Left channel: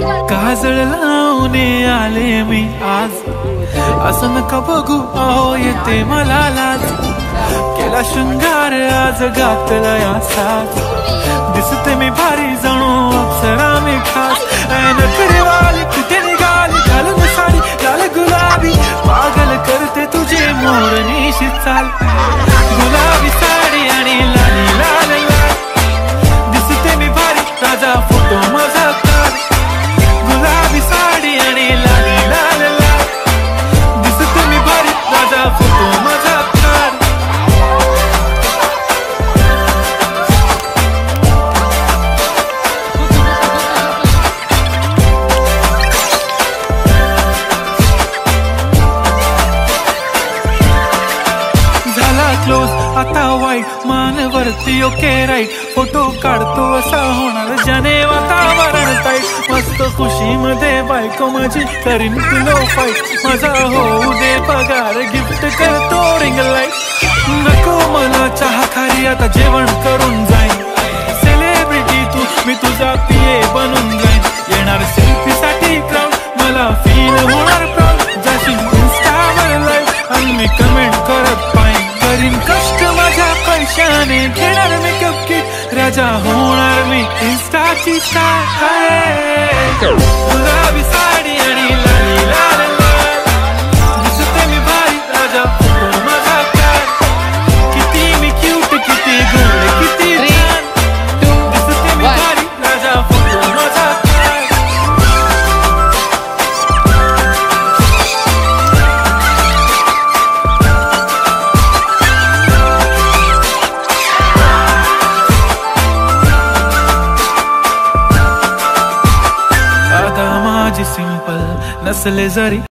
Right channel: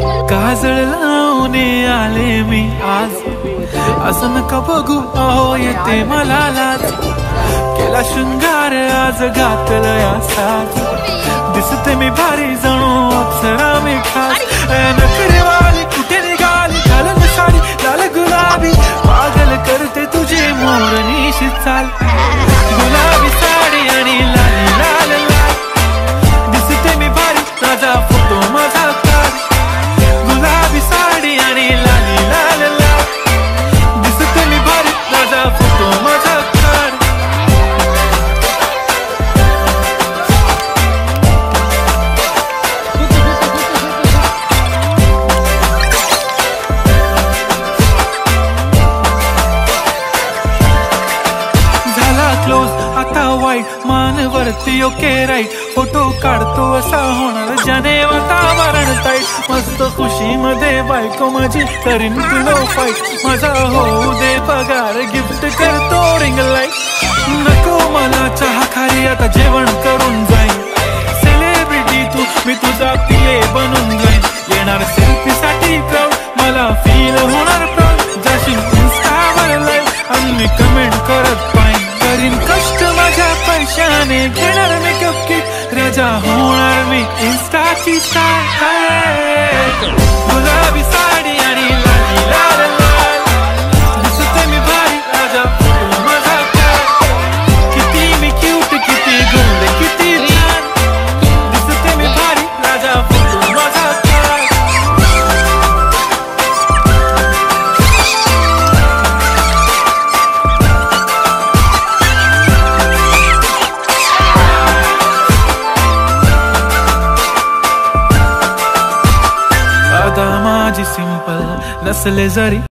काजळ लावून आले मी आज, असं नका बघू अहो येते मला लाज. केला शृंगार आज घातलं असाच, दिसते मी भारी जणू अप्सरा मी खास. नखरेवाली कुठे निघाली घालून साडी लाल गुलाबी, पागल करते तुझे मोरनीशी चाल. गुलाबी साडी आणि लाली लाल लाल, दिसते मी भारी राजा फोटो माझा काढ. गुलाबी साडी आणि लाली लाल लाल, दिसते मी भारी राजा फोटो माझा काढ. झाला क्लोज आता वाईट, मानवरती ओके राईट. फोटो काढतो असा होणार ज्याने वातावरण ताईट. मस्त खुशी मध्ये बायको माझी करीन पिलो फाईट. माझा होऊ दे पगार गिफ्ट करतो रिंग लाईट. नको मला चहा खारी आता जेवण करून जाईन. सेलिब्रिटी तू मी तुझा पिये बनून जाईन. येणार सेल्फी साठी क्राऊड मला फील होणार प्राऊड. जाशील इन्स्टावर लाईव्ह आणि मी कमेंट करत पाहिन. करीन कष्ट माझ्या पैशाने घेणार मेकअप किट. राजा होणार मी इन्स्टाची स्टार. गुलाबी साडी आणि लाली लाल लाल, दिसते मी भारी राजा फोटो माझा काढ. किती मी क्यूट किती गोड किती छान, दिसते मी भारी राजा फोटो माझा काढ. आता माझी सिंपल नसले जरी